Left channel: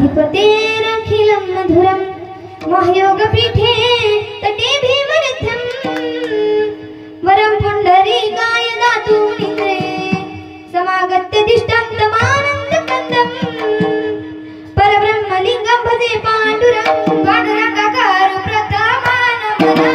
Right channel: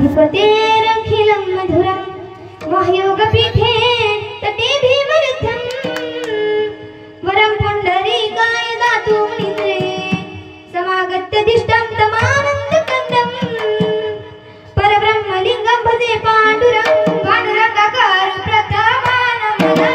अधिपतेरखिलं मधुरं महयोगपीठे तटे भीमरथं वरं पुण्डरीकाय दातु निन्द्रे समागत्य दिष्टं तमानन्दकन्दं परब्रह्मलिङ्गं भजे पाण्डुरं पाण्डुरङ्गकारो प्रथमानमना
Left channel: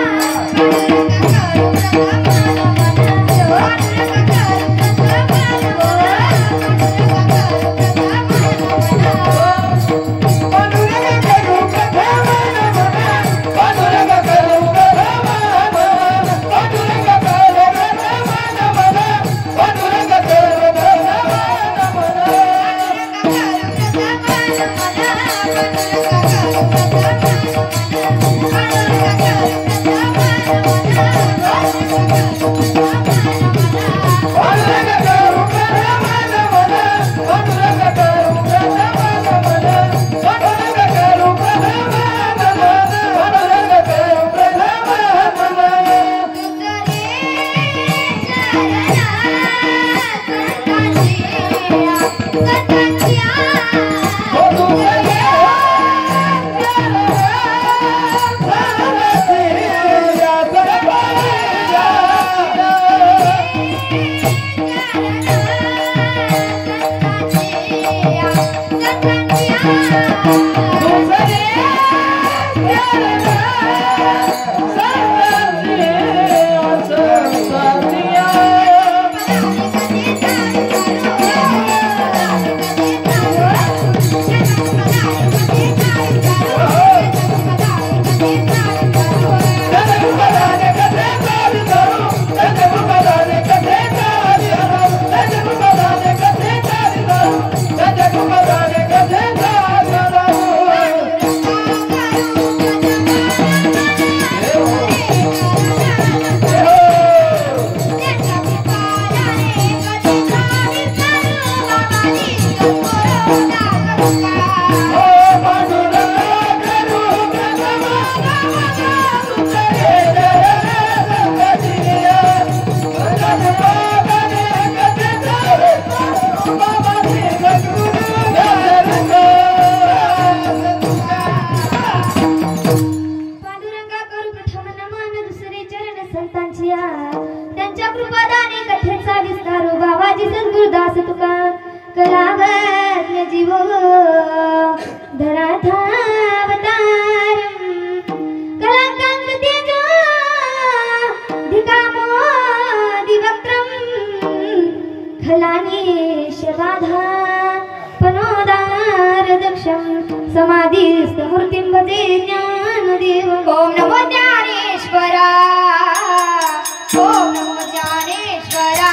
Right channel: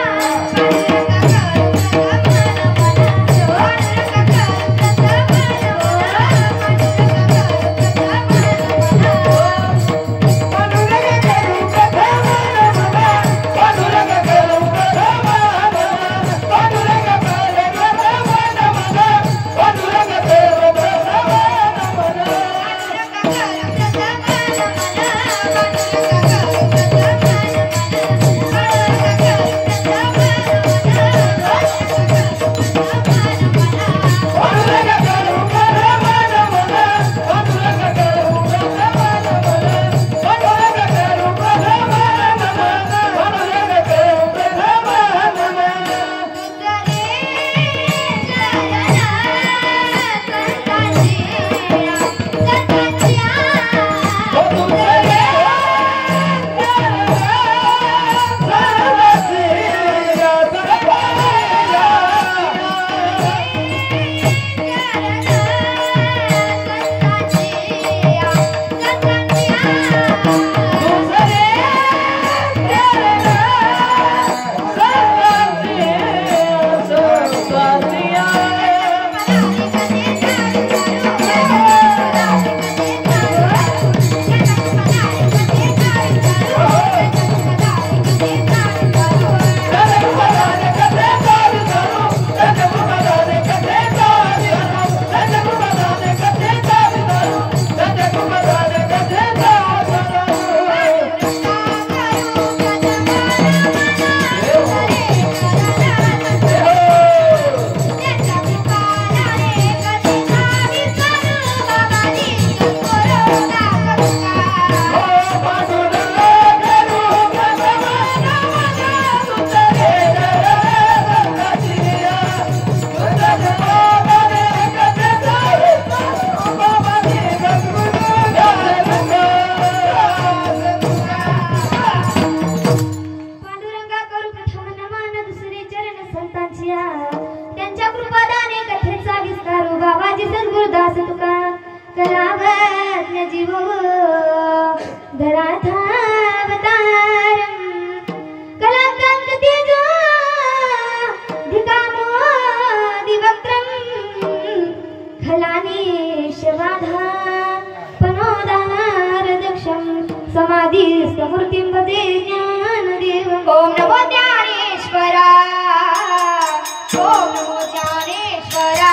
त्यांच्या कृपादाने कथेचा विस्तार बाबाजी सद्गुरुदास तुका कलावज्ञ जीवो धराधावतार कलाकांत तेजो धिकामोदिवक्त्रं खलानीशबाधा पनोदारदक्षं समाधिस्थमूर्तिं भजे ज्ञानदेवम् ओम नमो ज्ञानेश्वरा ओम नमो ज्ञानेश्वरा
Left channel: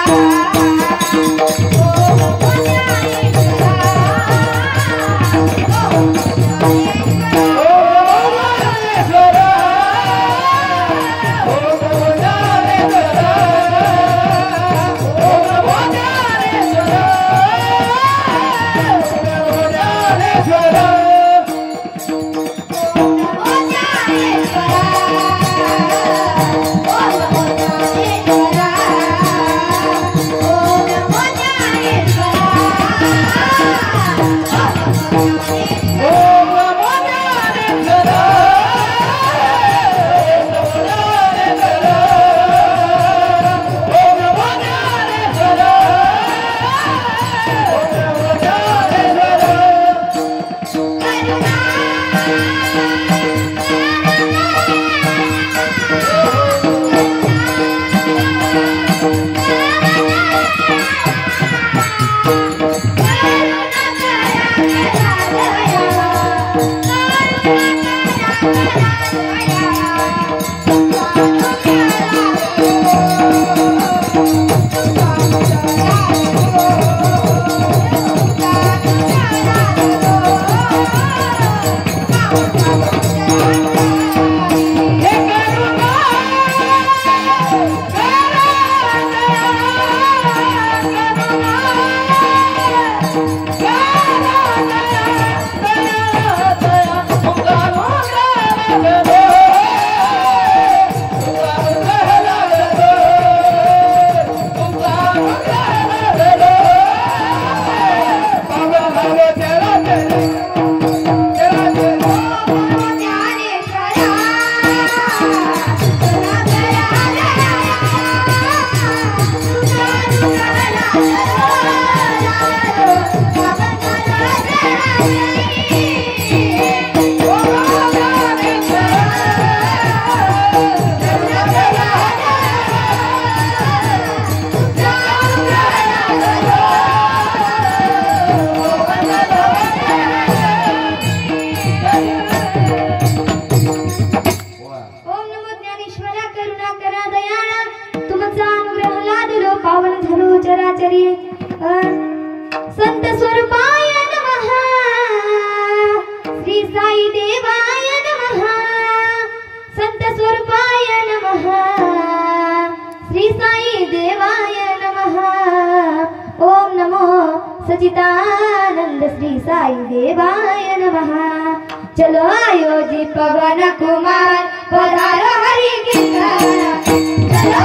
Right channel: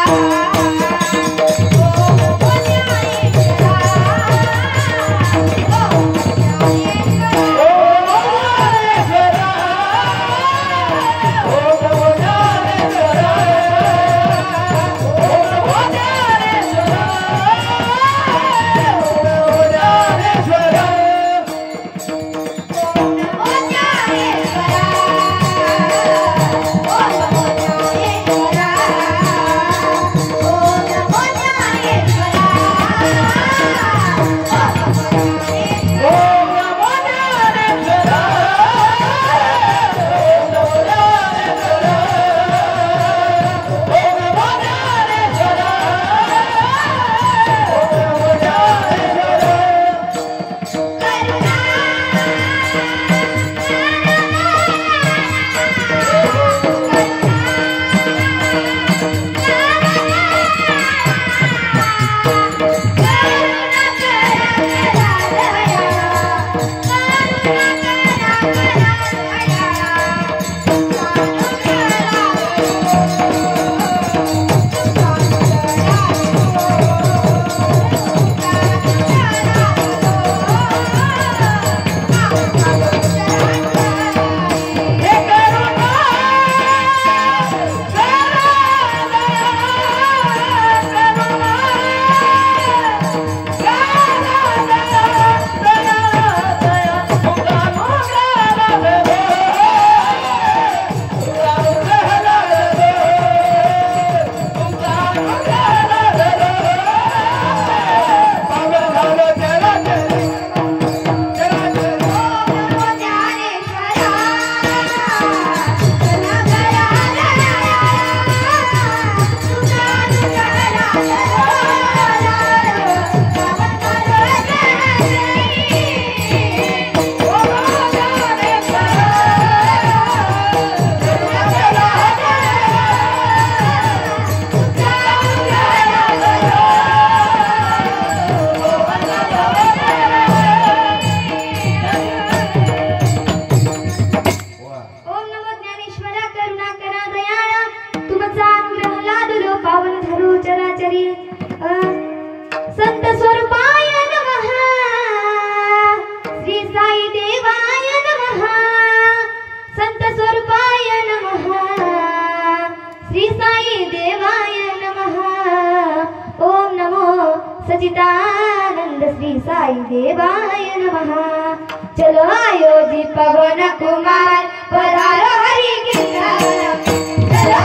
सचिदानंद श्री साई देवाय नमः। चलो अयोधी पवन कुमार पधारो हरि कीर्तन, चलो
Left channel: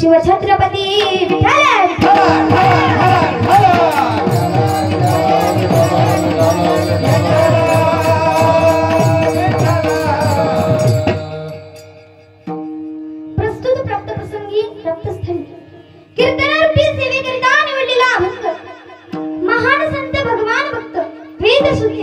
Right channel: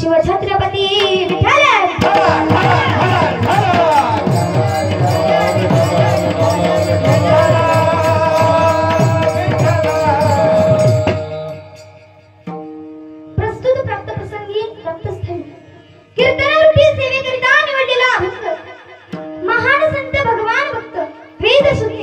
शिवछत्रपती प्रस्तुत प्राप्त प्रसंगी प्राप्तस्थळी कीर्तनारूपी सेवेकरिता निवडलेला अभंग महान संत भगवान भक्त वेदशुद्ध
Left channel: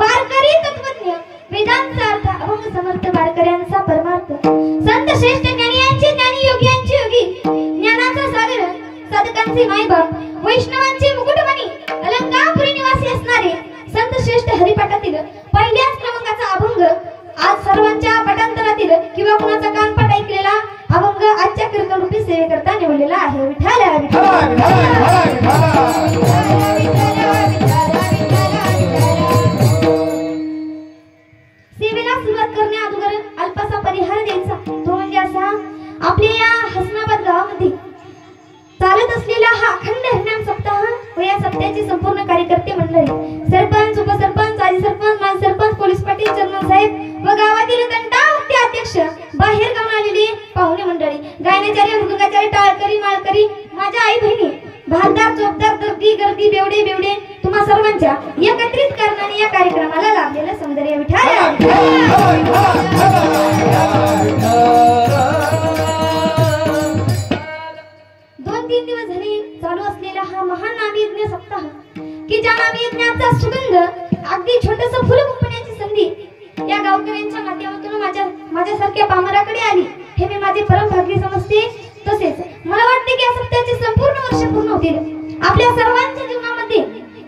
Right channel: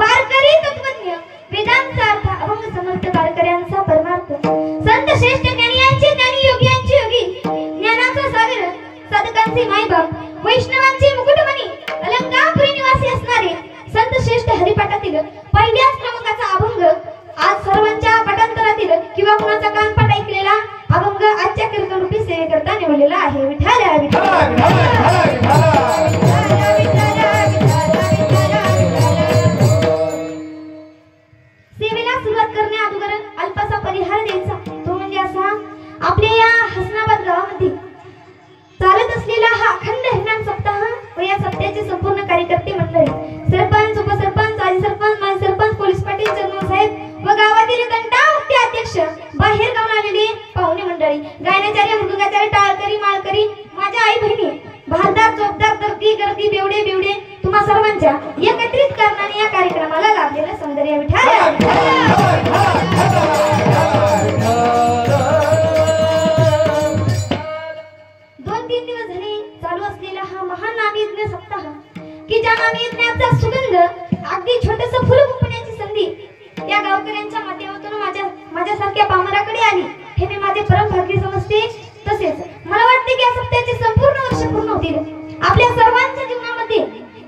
वारकरी तत्वज्ञ वेदांचा अर्थ अभंग समर्थ वारकऱ्यांचा परमार्थ संत श्रेष्ठ ज्ञानीयांचे ज्ञानी योग्यांचे योगी ज्ञानाचा सागर साधकांचे मायबाप वैष्णवांचे मुकुटमणी अलंकापुरी निवासी असणारे संत श्रेष्ठ हरिपाठातील पहिल्याच क्रमांकाचा अभंग आज सर्वांच्या पाठांतरातील किंवा कुणाचा कानपाठ ऐकलेला अभंग आजच्या कीर्तनरूपी सेवेकरता निवडलेला आहे। विठ्ठल सेवेला सुरुवात करण्या अगोदर अल्पसा परिहार द्यायचा, तो म्हणजे असा आपल्या या हसनाबाद गावामध्ये चालत असलेला हा अखंड हरिनाम सप्ताह व या सप्ताहाचे संपूर्ण कार्यकर्ते मंडळी सरपंच उपसरपंच माजी सरपंच माजी सरपंच पोलीस पाटील चेअरमन साहेब व गावातील घंटावक्ती अध्यक्ष बाहेर गावून आलेली पाहुणे मंडळी गायनाचार्य मृदुंगाचार्य टाळकरी माळकरी माझ्या आई बहिणी भारदार चोपदार दर्दी गर्दी बेवडे बेवडे तुम्हा सर्वांच्या एकत्रित करण्याने या कार्यक्रमाला लाभलेलं सौंदर्य विठ्ठल दोन-तीन दिवस झाले चालू असलेला हा महान नामयज्ञ सप्ताह की ज्या नामयज्ञाचा सुगंध अगदी छोटस फुल फुटण्याची संधी या गावकऱ्यांच्या माध्यमातून माझ्यासारख्या पामराकडे आली हे मी माझे परम भाग्य समजते। तसेच मला वाटते की या सप्ताहाचे संपूर्ण वर्ष पूर्ण होतील, आपल्या सर्वांच्या जीवनामध्ये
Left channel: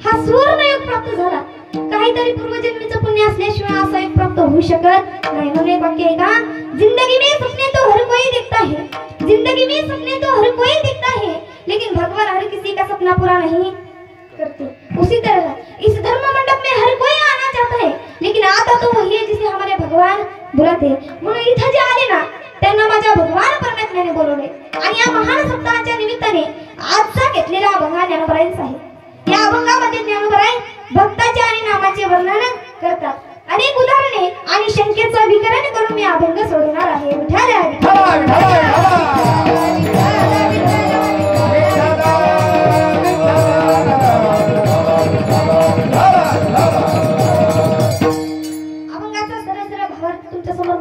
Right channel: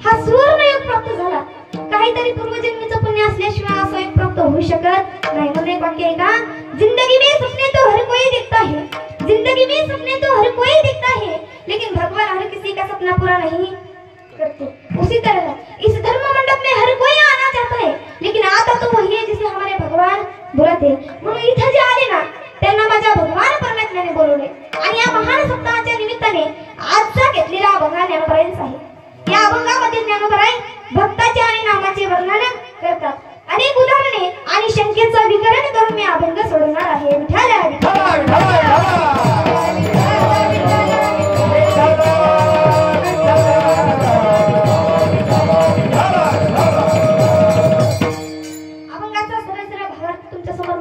हा सुवर्णयोग प्राप्त झाला। काहीतरी पूर्वजन्मीचं पुण्य असल्याशिवाय असा योग प्राप्त होऊ शकत नाही। म्हणून एक वाक्य आहे का, जिंदगी में सपने तो हर कोई देखता है, जिंदगी में सपने तो हर कोई देखता है, लेकिन भगवान हर किसी का सपना पूरा नहीं करते। उसी तरह इस धर्म मंडप में हर कोई आना चाहता है, लेकिन आता तो वही है जिसे हमारे भगवान बुलाते। म्हणून इथे जे आले ना त्यांना माझ्या भगवान परमात्म्याने बोलवले आणि या महान सप्ताहाच्या निमित्ताने आजचा घेतलेला अभंग ज्ञानोबरायांचा आहे। या अभंगामध्ये ज्ञानोबराय भक्ताचे आणि नामाचे वर्णन करतात। अनेक उदाहरणे आणि शंकेचा विकरण करून मी अभंग सोडवणार आहे।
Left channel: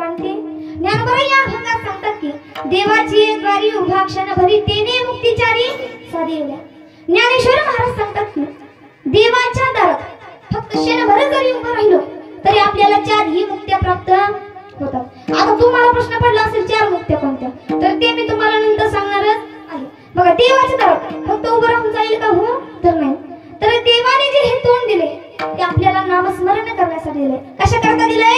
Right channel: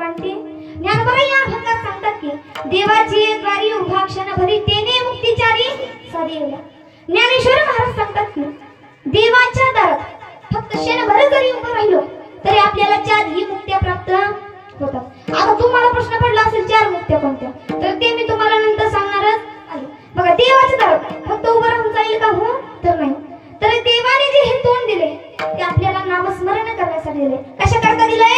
मानते. ज्ञानोबा या अभंगात सांगतात की देवाची द्वारी उभा क्षण भरी तेने मुक्तीचारी साधिला. ज्ञानेश्वर महाराज सांगतात की देवाच्या दारात फक्त क्षणभर जरी उभं राहिलो तरी आपल्याला 4 ही मुक्त्या प्राप्त होतात. आता तुम्हाला प्रश्न पडला असेल 4 मुक्त्या कोणत्या, तर ते मी तुम्हाला नंतर सांगणारच आहे. बघा, देवाच्या दारात फक्त उभं राहून जाईल का? हो तर नाही. तर देवाने जे हे तोंड दिले ते आपल्याला नामस्मरण करण्यासाठी दिले. कशा करता दिले?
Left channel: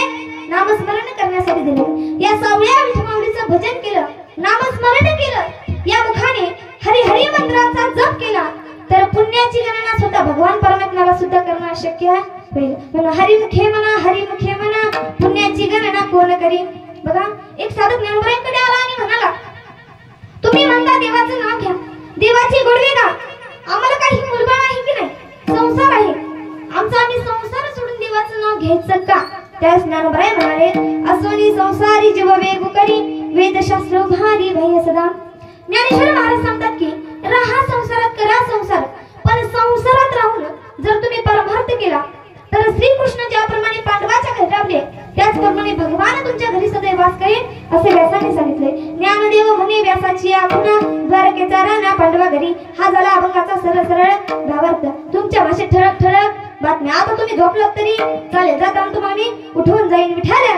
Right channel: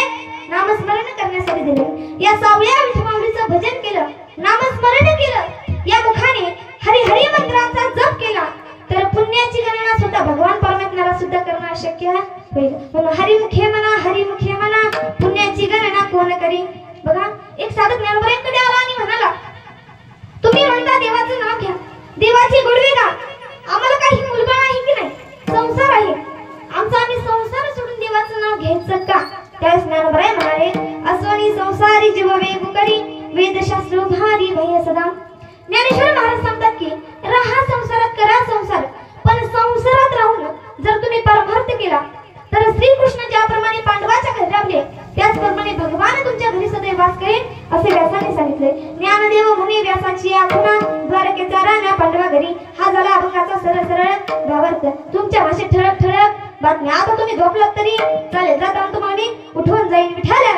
नामस्मरण करण्यासाठी दिले. या सावळ्या विठमाऊलीचं भजन केलं, नामस्मरण केलं, या मुखाने हरी हरी मंत्राचा जप केला तर पुण्याची गणना सुद्धा भगवान परमात्म्याला सुद्धा करणं शक्य होईल. म्हणून हरिमुखे म्हणा पुण्याची गणना कोण करी. बघा, एक साधक ज्ञानोबांकडे आला आणि म्हणाला, तुम्ही म्हणता देवाचं नाव घ्या, देवाची गोडवे गा, आम्हाला काही मुलगा आहे की नाही, संसार आहे आमचा, आम्ही संसार सोडून देवाचं नाव घ्यायचं का? त्यावेळेस ज्ञानोबा म्हणाले, अस्वनी संसारी जीव वेगुकरी वेदशास्त्र भारी भय सदा. ज्ञानेश्वर महाराज सांगतात की राहा संसारात, करा संसार, पण संसारात राहून जर तुम्ही परमार्थ केला तर श्रीकृष्ण ज्याप्रमाणे पांडवाच्या घरी राबले त्याचप्रमाणे भगवान तुमच्या घरी सदैव वास करेल असे व्यासाने सांगितले. ज्ञानदेव म्हणे व्यासाची आपुना द्वारकेचा राणा पांडवा घरी. हा झाला अभंगाचा सरळ सरळ भावार्थ. तुमच्या भाषेत ठळक ठळक बातम्या. आता तुम्ही झोपलात तरी चालेल, जाताना तुम्हाला उठवून जाईल. विठाल्या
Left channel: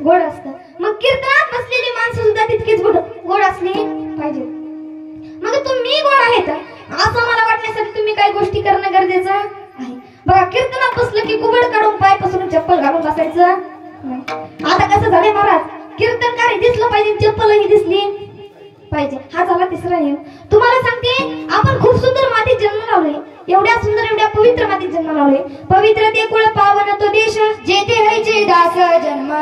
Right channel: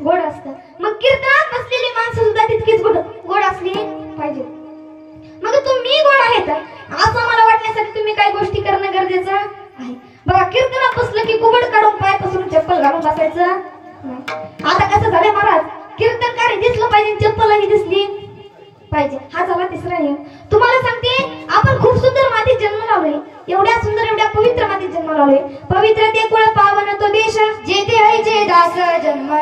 गोड असतं. मग कीर्तनात बसलेली माणसं सुद्धा तितकीच गोड असली पाहिजे. मग तुम्ही गोड आहेत असं मला वाटण्यासाठी तुम्ही काही गोष्टी करणं गरजेचं आहे. बघा, कीर्तनात बसलं की कुबड काढून पाय पसरून चप्पल घालून बसायचं नाही. आता कसं झालंय महाराज, कीर्तनकारी दिसलं पाहिजे, चप्पलही दिसली पाहिजे. हा झाला तिसरा नियम. तुम्हाला सांगते, आपण खूप सुंदर मातीत जन्म लावलोय, एवढ्या सुंदर एवढ्या पवित्र मातीत जन्म लावलोय. पवित्र ते कुळ पावन तो देश जेथे हरीचे दास जन्म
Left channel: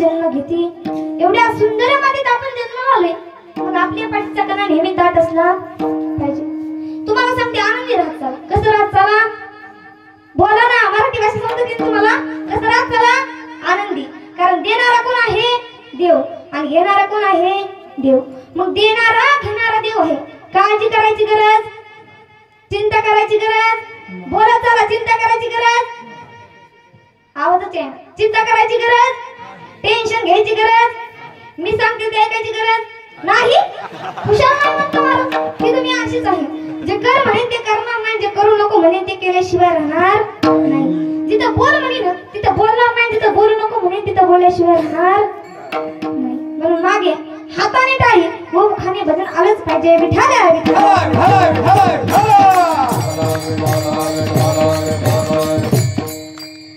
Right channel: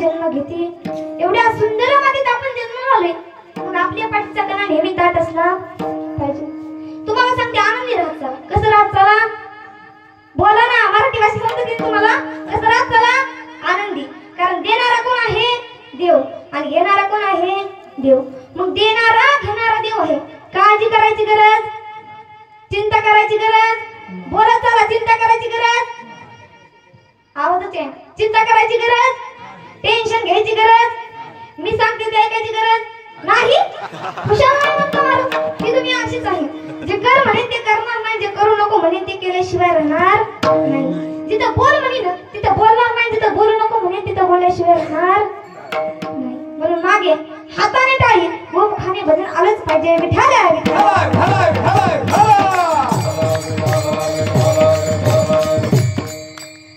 जन्म घेते. एवढ्या सुंदर मातीत आपण जन्म लावले, मग आपल्या पाठीचा कणा नेहमी दाट असला पाहिजे. तुम्हाला सांगते, आनंदी राहत चला. कसं राहत चला? बोला ना, मराठी भाषा समजते तुम्हाला. कसं राहत चला? आनंदी. कारण देणारा कोण आहे? देव. आणि घेणारा कोण आहे? देव. मग देणारा घेणारा देव आहे. काळजी करायची गरज, चिंता करायची गरज. बोला चला, चिंता करायची गरज. आवाजच आहे. चिंता करायची गरज, टेन्शन घ्यायची गरज, मी सांगते ते ऐकायची गरज नाही. हुशार नाही म्हणतो मला की तुम्ही अशीच आहे. जे कर म्हणे ते करणार नाही, जे करू नको म्हणे ते केल्याशिवाय राहणार नाही. जिथं बोल म्हणे ना तिथं बोलणार नाही, जिथं बोलू नको म्हणे तिथं बोलल्याशिवाय राहणार नाही. म्हणून मागे हाताने टाळी व मुखाने भजन आलंच पाहिजे. विठाल्या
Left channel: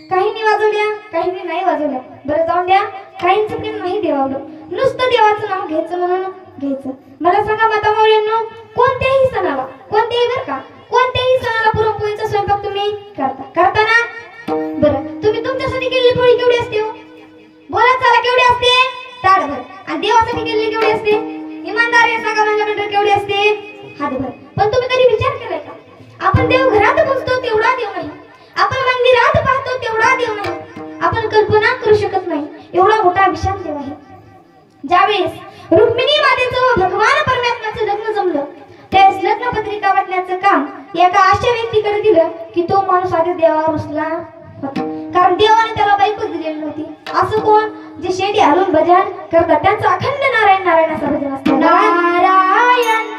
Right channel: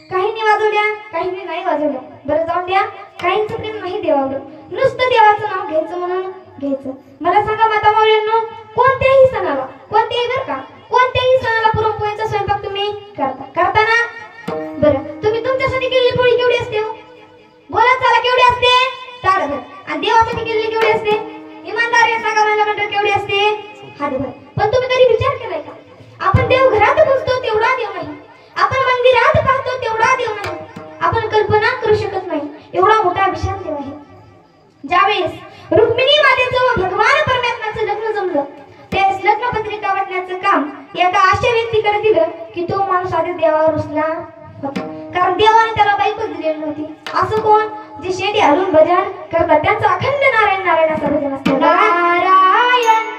काहींनी वाजवल्या, काहींनी नाही वाजवल्या. बरं जाऊन द्या, काहींचं प्रेम नाही देवावर, नुसतं देवाचं नाव घ्यायचं म्हणून घ्यायचं. मला सांगा माता मावळ्यांनो, कोणत्याही सणाला, कोणत्याही बरं का, कोणत्याही सणाला पुरणपोळीचा स्वयंपाक तुम्ही करता ना? बरं, तुम्ही तुमच्यासाठी केलेली पोळी केवढी असते? बोला चला, केवढी असते? ताडभर. आणि देवासाठी केलेली केवढी असते? इमानदारी सांगा मला मंडळ, केवढी असते? हातभर. पण तुम्ही कधी विचार केलाय का, आपण देव घरात बसतो तेवढा देव नाही, आपण मंदिरात पाहतो तेवढा देव नाही, आपण कल्पना करू शकत नाही एवढा मोठा विशाल देव आहे. ज्यावेळेस रुक्मिणी मातेचं व भगवान परमात्म्याचं लग्न जमलं त्यावेळेस लग्न पत्रिका वाटण्याचं काम एका अशा व्यक्तीकडे दिलं की तो माणूस आधी देवावर रुसला होता. कारण देवाने त्याला बायको दिलेली नव्हती. असं कोण? जे शेडी हलून भजन करतात त्यांचं अखंड नारायण नारायण असं भजन असतं. नारायण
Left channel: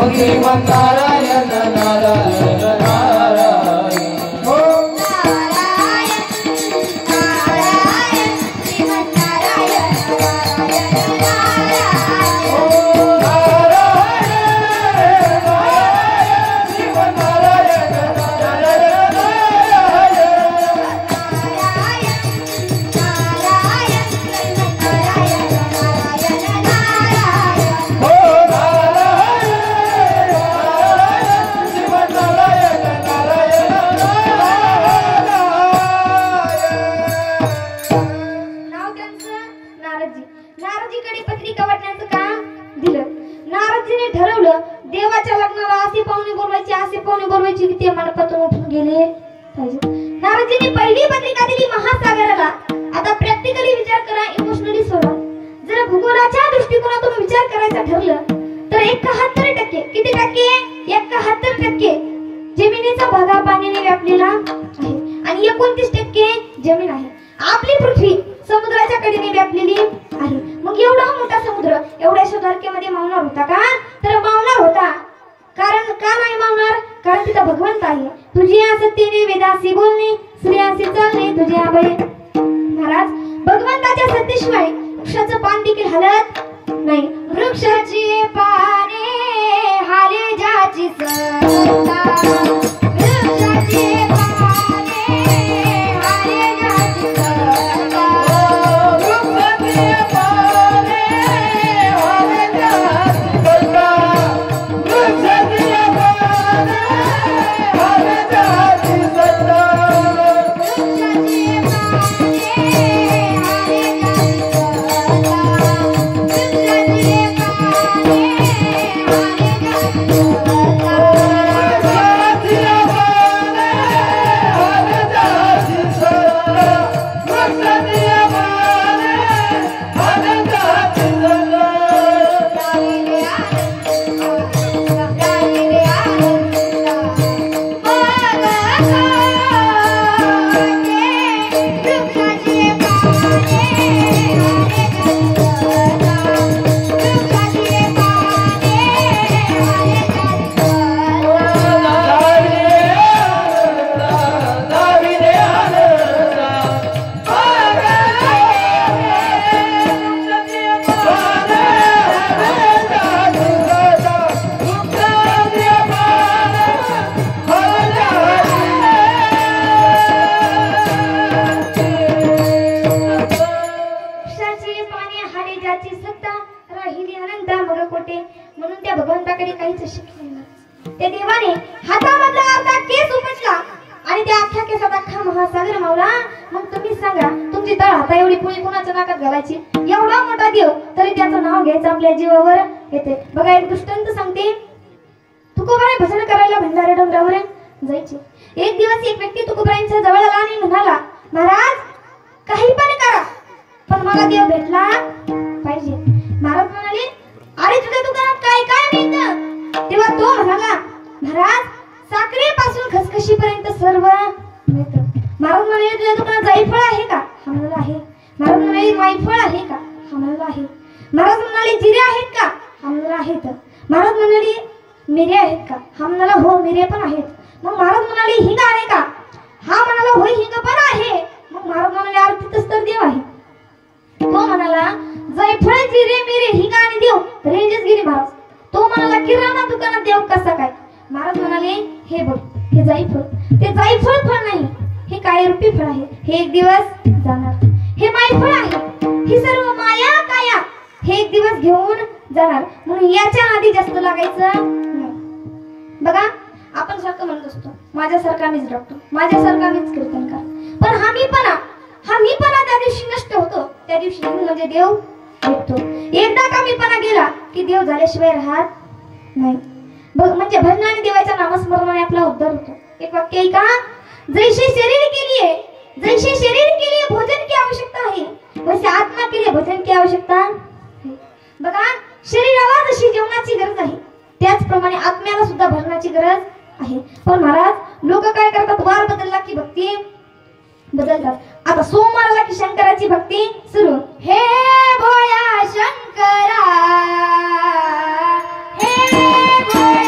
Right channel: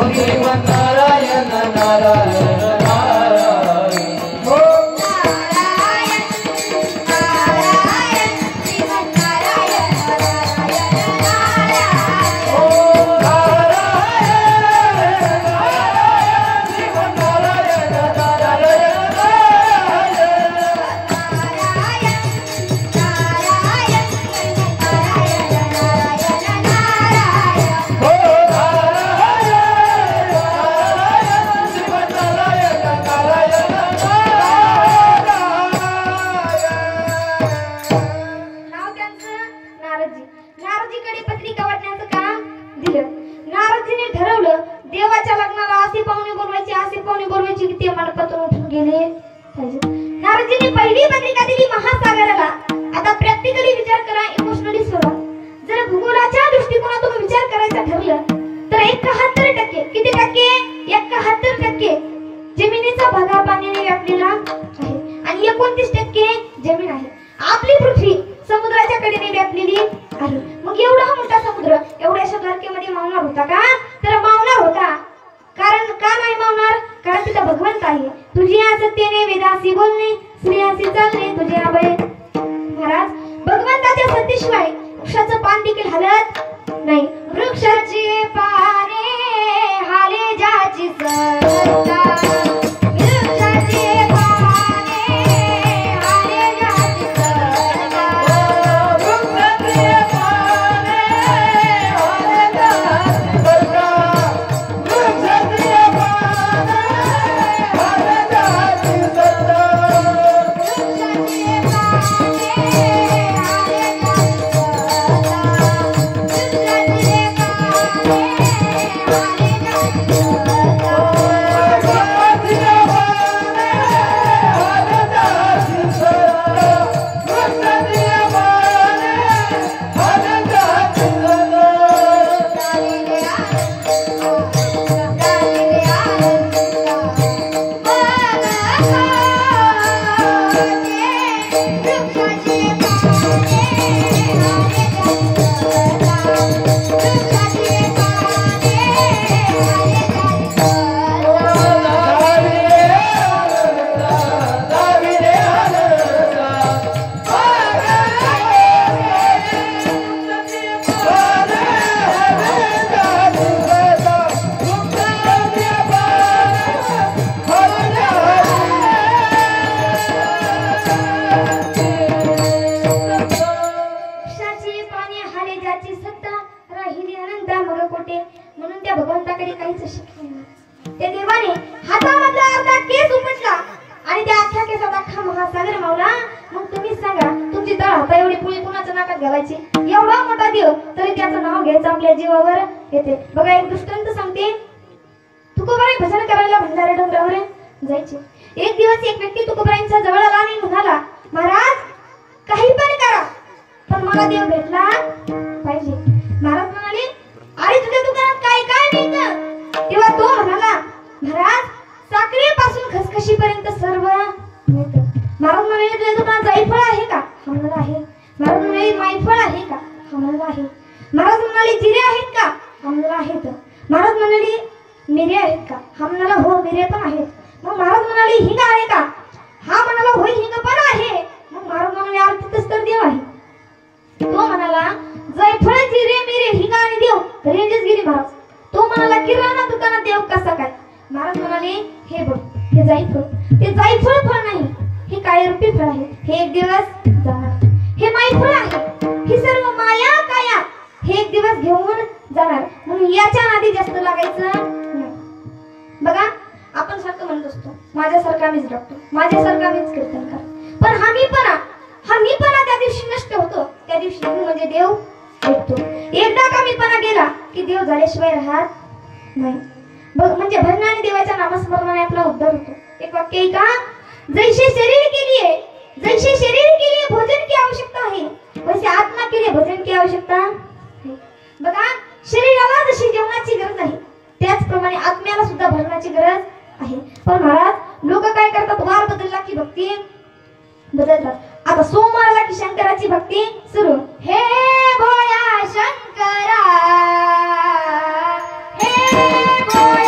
नारायण नारायण नारायण ओम नारायण नारायण श्रीमन्नारायण नारायण नारायण ओम नारायण नारायण श्रीमन्नारायण नारायण नाव त्यांचं नारदजी. नारदजीकडे पत्रिका वाटण्याचं काम दिलं. नारदजीने ठरवलं देवाच्या लग्नाला असे पाहुणे बोलवायचे की ते मंडपातून उठून गेले पाहिजे. नारदजीने पहिली पत्रिका दिली महासागराला. आता प्रॅक्टिकली विचार करा, इमोशनली सोडा. जर भूगोलाच्या दृष्टिकोनातून विचार करायचा ठरलं तर 71% किती टक्के? 71% जमिनीचा भाग हा पाण्याने व्यापलेला आहे आणि 29% जमीन आहे. आपली पृथ्वी समुद्राच्या कडेने व्यापलेली आहे. मग एवढा मोठा समुद्र एवढ्याशा द्वारकेमध्ये मावणार होता का? तर मावणार होता. कारण का नाही मावणार? कारण तिथं भगवंत आहे. तुझी सत्तेने वेदासी बोलणे, श्रेयासी चालणे तुझे आबळे. महाराज, भगवंताच्या सत्तेशिवाय वृक्षाचं पान देखील हलत नाही. वृक्षाची पाने हाले ज्याची सत्ता, वृक्षाची पाने हाले ज्याची सत्ता, वृक्षाची पाने हाले ज्याची सत्ता, वृक्षाची पाने हाले ज्याची सत्ता, वृक्षाची पाने हाले ज्याची राहिली अनंत मगकोटे. म्हणून त्या भगवंताकडे काहीच शक्य नाही. त्या देवाने हातामधला अर्धा केस उपटला आणि त्या अख्ख्या केसात अख्खा महासागर मावला. मग तुम्ही सांगा, तुमची तळ हाता एवढी पुळी कुणाच्या नाकात घालायची? एवढा मोठा देव तरी त्याचं नाव घ्यायचं आपल्या जीवावर येते. बघा, एक दृष्टांत सांगते. तुकोबाई भजन करायला भंडारा डोंगरावर जायचे. एक दिवस एक व्यक्ती तुकोबाईंच्या जवळ आला आणि म्हणाला, महाराज, काही पण करा पण मला देव भेटला पाहिजे. महाराज म्हणाले, अरे तुझ्या दुकानात काय काय मिळतं? तेव्हा तो म्हणाला, महाराज, साखरेपासून खसखशीपर्यंत सर्व मिळतं. महाराज म्हणाले, तुझ्या दुकानात जायफळ आहे का? हा म्हणाला आहे. महाराज म्हणाले, मायफळ आहे का? हा म्हणाला आहे. महाराज म्हणाले, जिरे आहेत का? हा म्हणाला आहेत. महाराज म्हणाले, मिरे आहेत का? हा म्हणाला, हो, मिरे पण आहेत. मग महाराज म्हणाले, हिंग आहे का? हा म्हणाला, होय, हिंग पण आहे. मग महाराज म्हणाले, अरे तिथंच तर देव आहे. तो म्हणाला, जायफळ, जिरे, मिरे, हिंग आणि देव रेंजच गेली महाराज. तो म्हणाला, किराणा दुकानात देव कसा काय? महाराज म्हणाले, हे बघ, हे जायफळ, ते जायफळ फळ नाही, हे कायरूपी फळ आहे. हे एक दिवस जाणार. हे मायफळ आहे, ही सर्व माया काया हे एक दिवस घेऊन जाणार. म्हणून याच्या नादी जास्त लागायचं नाही. बघा, आपण सारखं म्हणत असतो, माझ्यासारखा मीच डॉक्टर, माझ्यासारखा मीच कीर्तनकार. पण हा मीपणा त्या दिवशी नष्ट होतो. त्या दिवशी म्हणजे देव भेटतो. एकदा का मीपणा गेला की देव झाल्याशिवाय राहत नाही. म्हणजे भजनाने देवाच्या नामस्मरणाने आपला उद्धार होतो. एक वाक्य आहे का, जैसे शरीर के लिए भोजन की आवश्यकता है, वैसे आत्मा के लिए भजन की आवश्यकता है. बघा, शरीराला जशी जेवणाची गरज आहे त्याचप्रमाणे आत्म्याला सुद्धा भजनाची गरज आहे. पण महाराज, लोक काय करतात, वार बदलला की भक्ती बदलतात. आता सोमवारला की शंकराची भक्ती सुरू. हे भोया शंकरा, हे भोया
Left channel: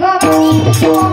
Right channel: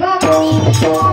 Thank you.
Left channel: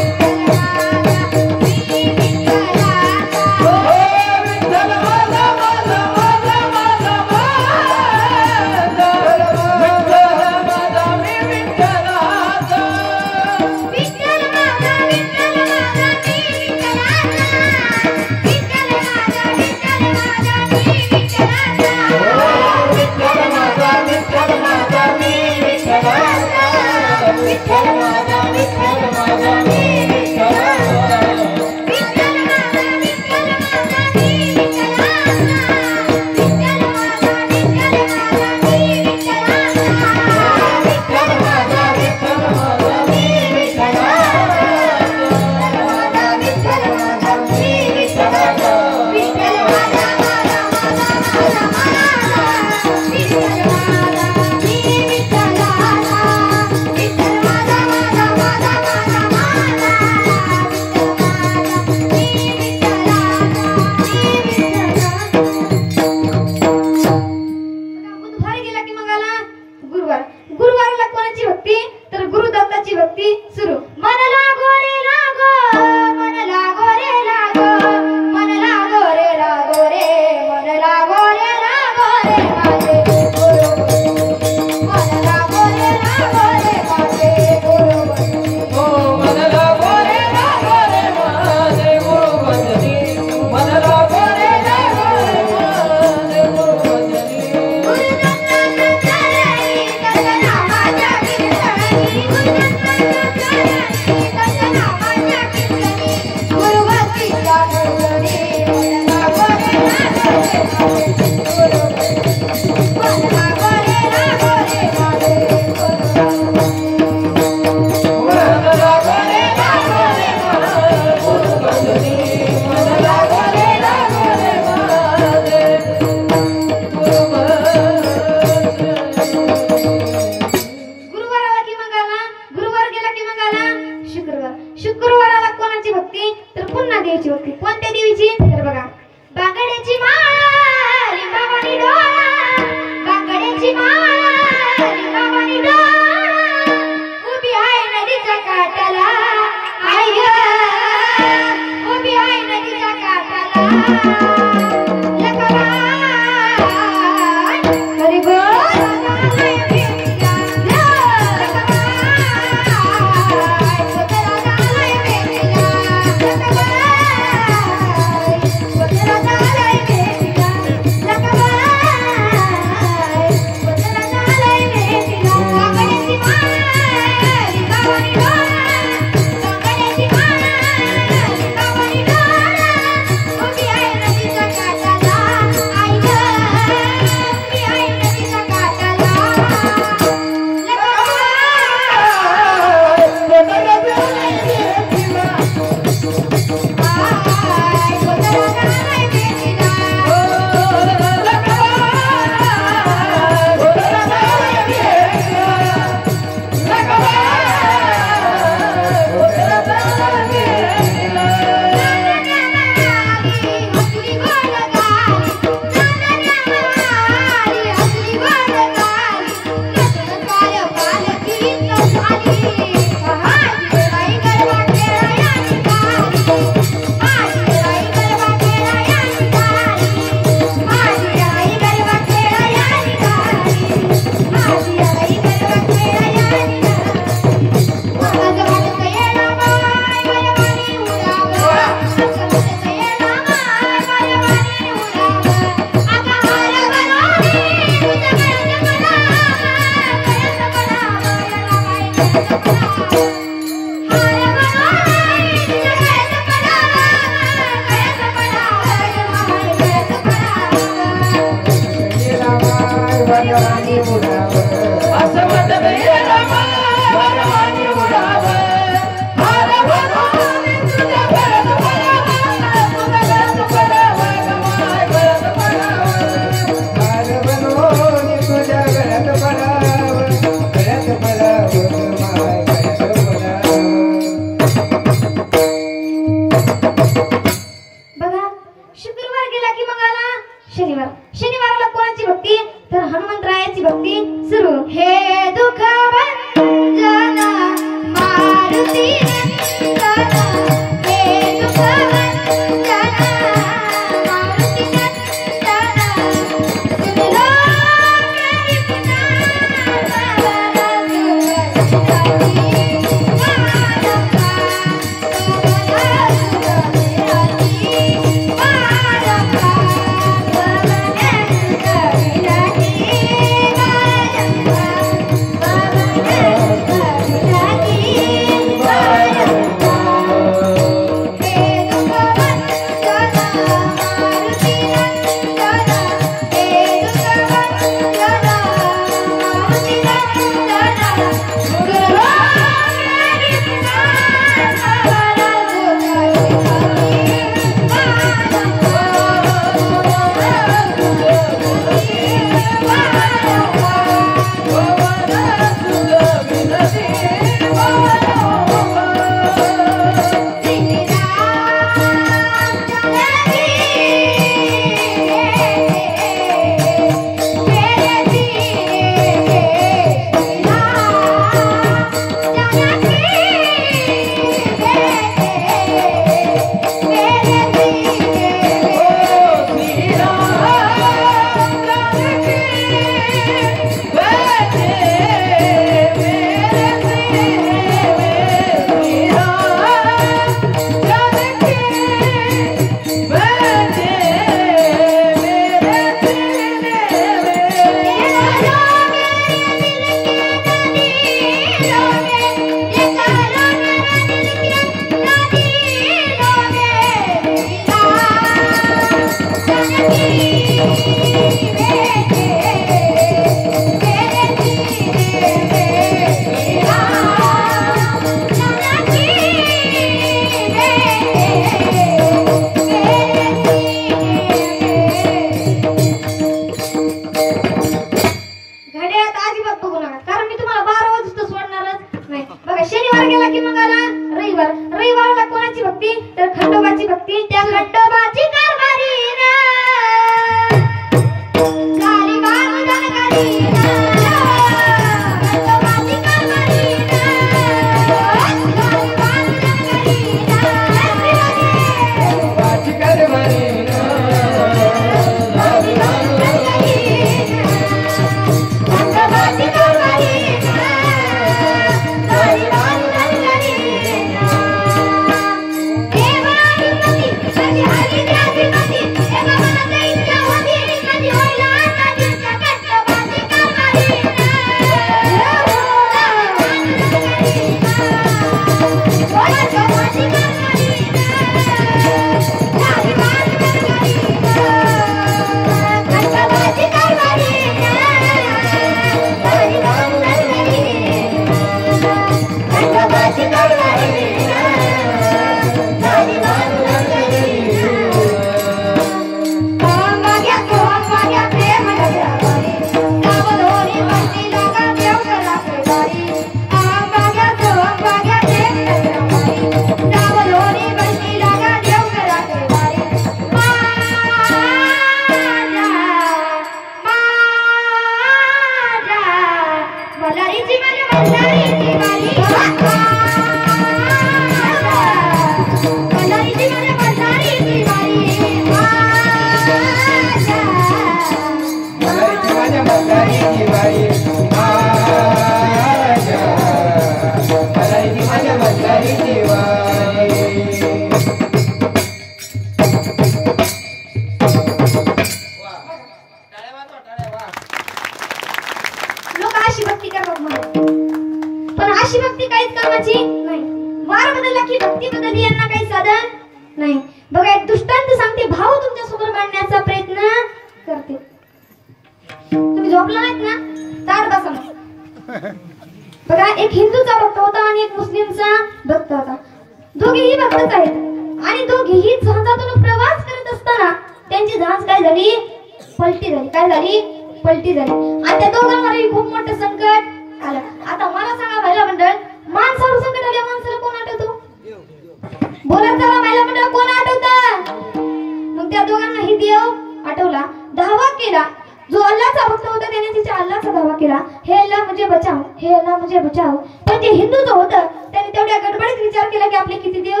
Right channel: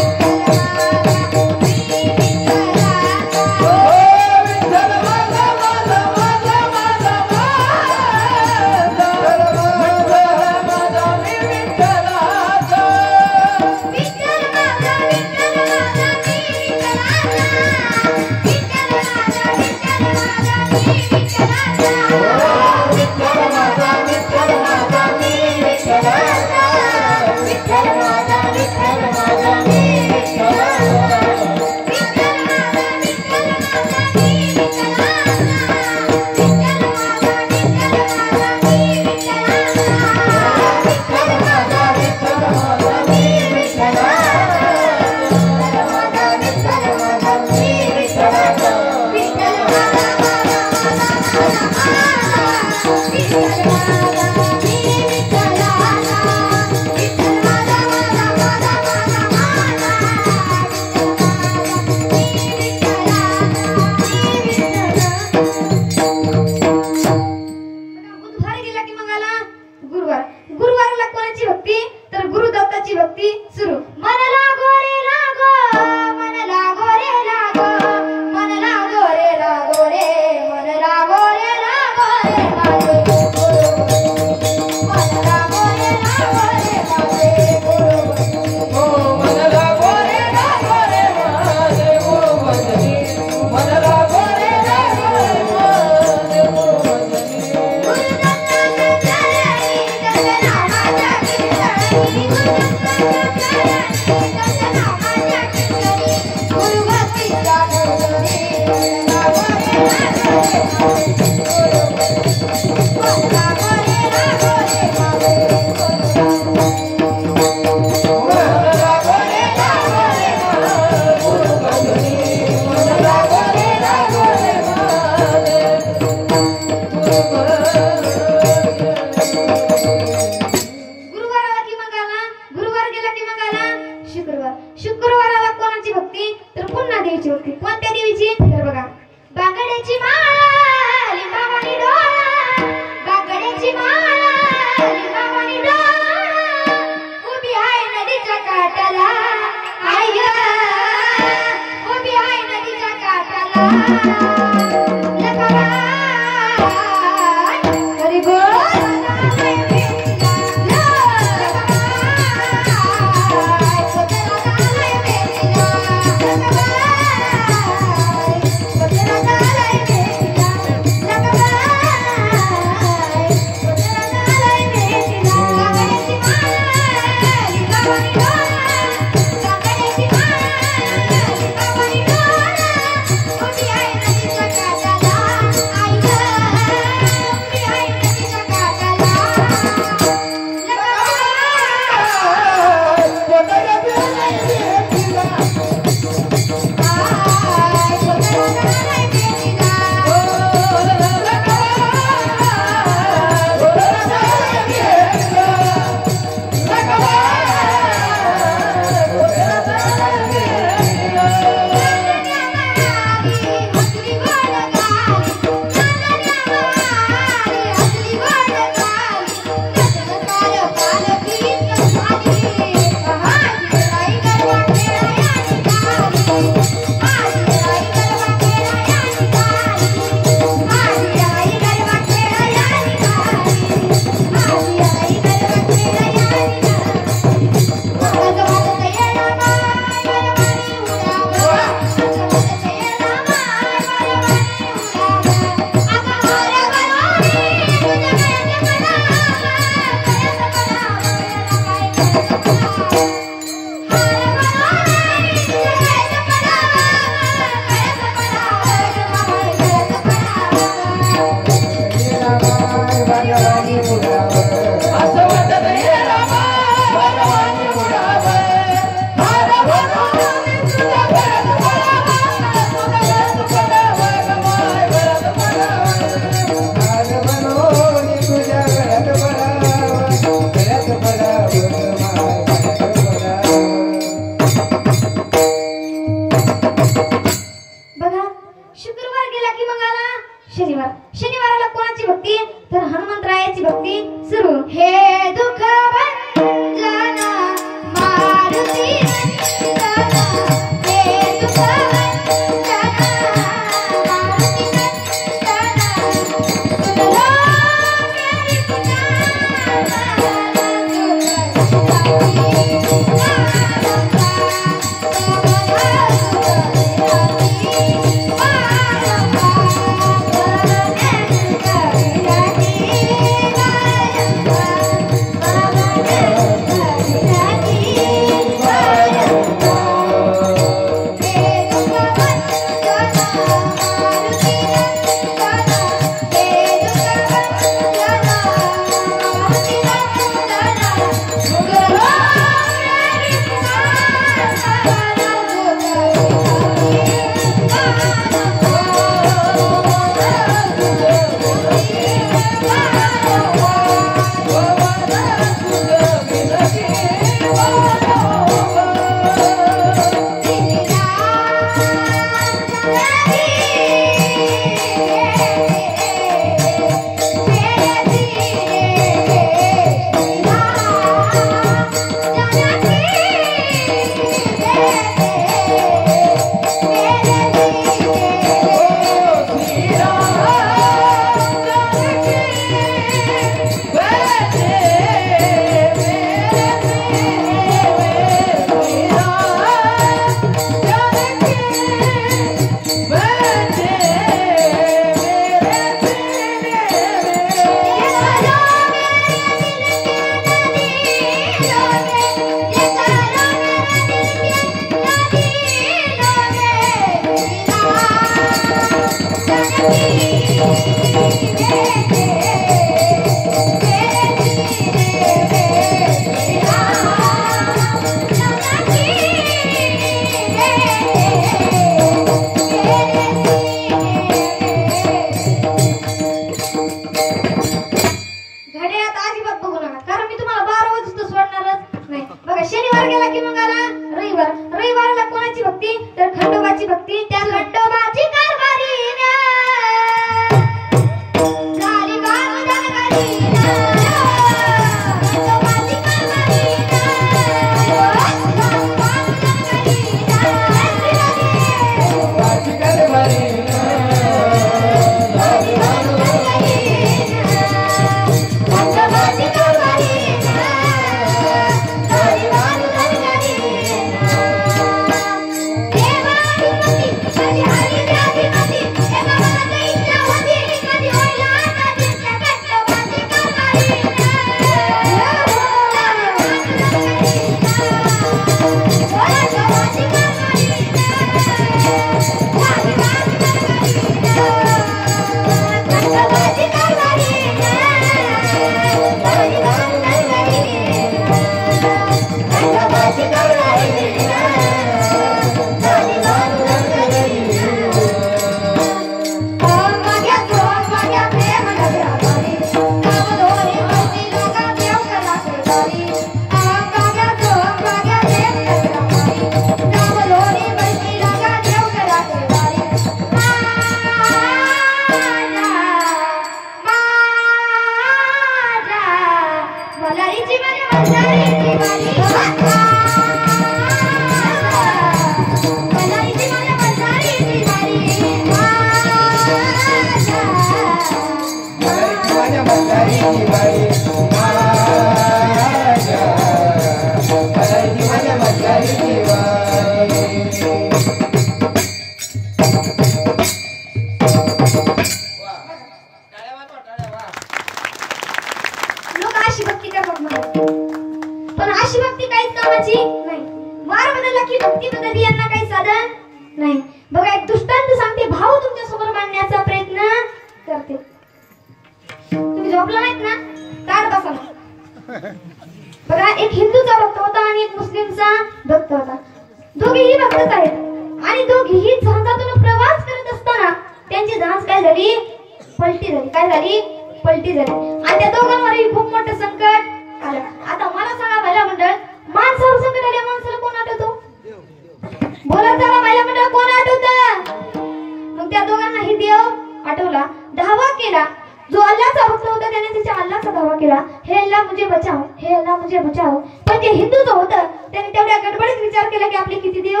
पण ते हिंदू जो होतं त्याने तेवढ्या गडबडीत विचार केला की आपले किती देव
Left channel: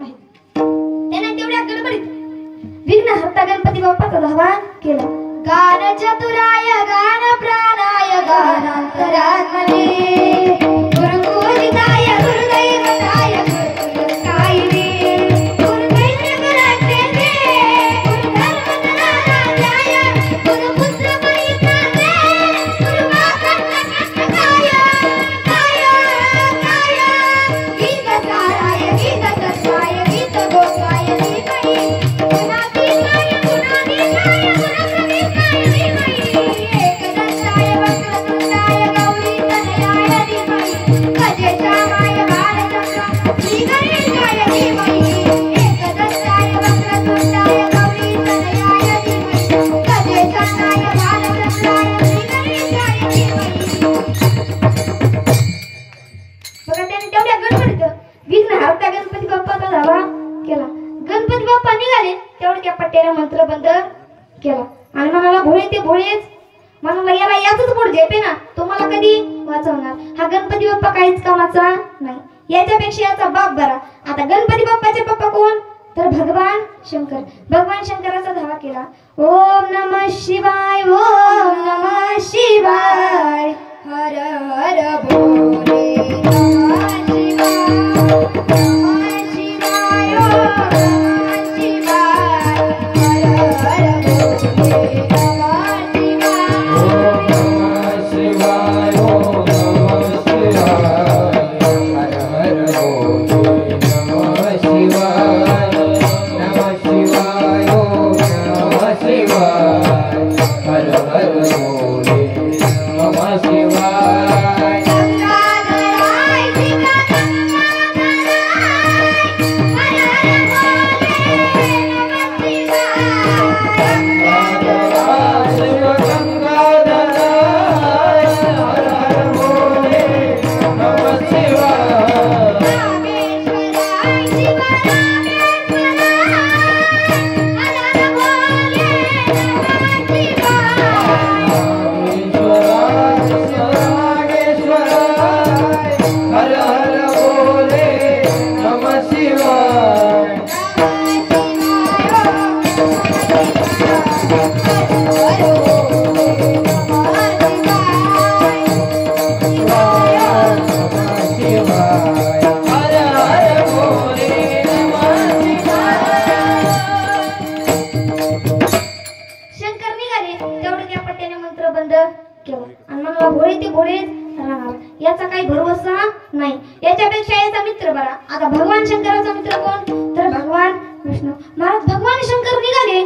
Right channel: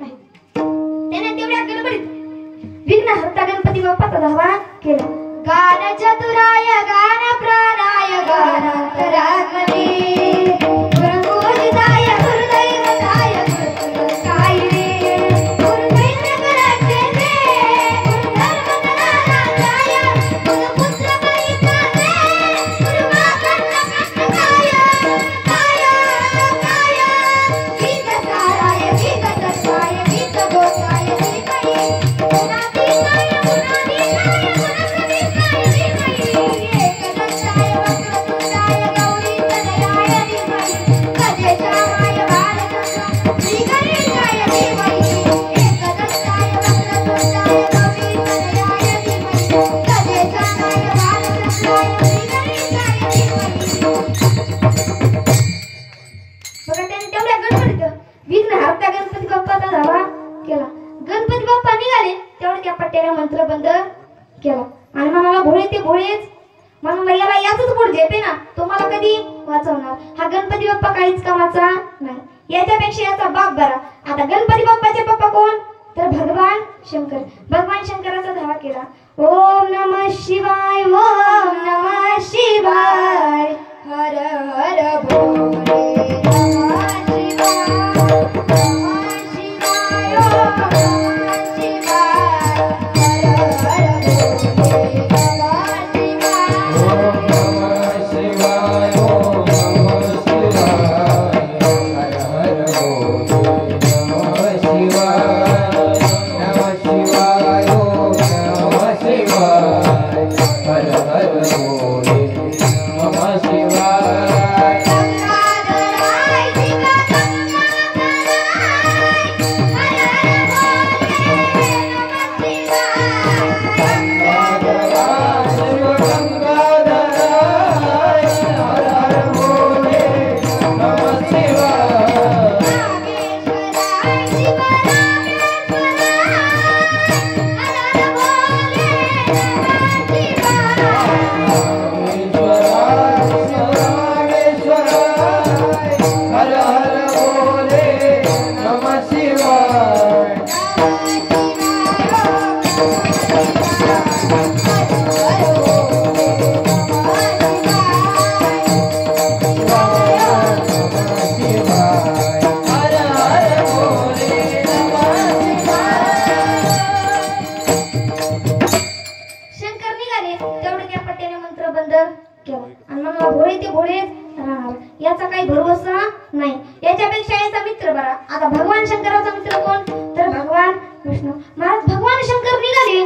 आहेत. त्याने तेवढ्या गडबडीत विघ्नहर्ता गणपती बाप्पाचा धावा केला. गान चतुराय गान प्राणाय गानांतरात्मने गुरुपूजिताय गुरुदैवताय गुरुपुत्रस्ताय रे गुरुदैवगुणाचे रे गुरुधर्मगुणाराध्याय गुरुपुत्रपरित्राणे गुरुवाकर्णकर्णकाय गीतसाराय गीततत्त्वाय गीतघोषाय धीमहि गुणातीताय गुणाधीशाय गुणप्रविष्टाय धीमहि एकदन्ताय वक्रतुण्डाय गौरीतनयाय धीमहि गजेशाय भारतंगा श्रीगणेशाय धीमहि एकदन्ताय वक्रतुण्डाय गौरीतनयाय धीमहि गजेशाय भारतंगाय श्रीगणेशाय धीमहि. बघा त्याने तेवढ्या गडबडीत विघ्नहर्ता गणपती बाप्पाचा धावा केला. गणपती बाप्पा निघाले तेवढ्या त्या पट्ट्याला मंत्र बंद केला आणि म्हणाला भोळे ते भोळेच म्हणाला याला याचंच पोट झेपे ना तो मला कधी वाचवणार. हा गणपती बाप्पा काहीच कामाचा नाही याच्यापेक्षा याचा बाप बरा. आता गणपती बाप्पाचे पप्पा कोण तर भगवान शंकर. भगवान शंकराचा धावा केला. ओम नमः शिवाय ओम नमः शिवाय हर हर भोले नमः शिवाय नमः शिवाय ओम नमः शिवाय हर हर भोले नमः शिवाय. ओम नमः शिवाय नमः शिवाय ओम नमः शिवाय हर हर भोले नमः शिवाय. गंगाधराय शिव गंगाधराय हर हर भोले नमः शिवाय. नागेश्वराय शिव नागेश्वराय हर हर भोले नमः शिवाय. शंकर निघाले तेवढे त्या पट्ट्याने मंत्र बंद केला आणि म्हणाला भोळे ते भोळेच राहणार याचा काही भरोसा नाही याच्यापेक्षा याचा मित्र बरा. आता भगवान शंकराचा मित्र कोण तर भगवान विष्णू. महाराज भगवान शंकर निघाले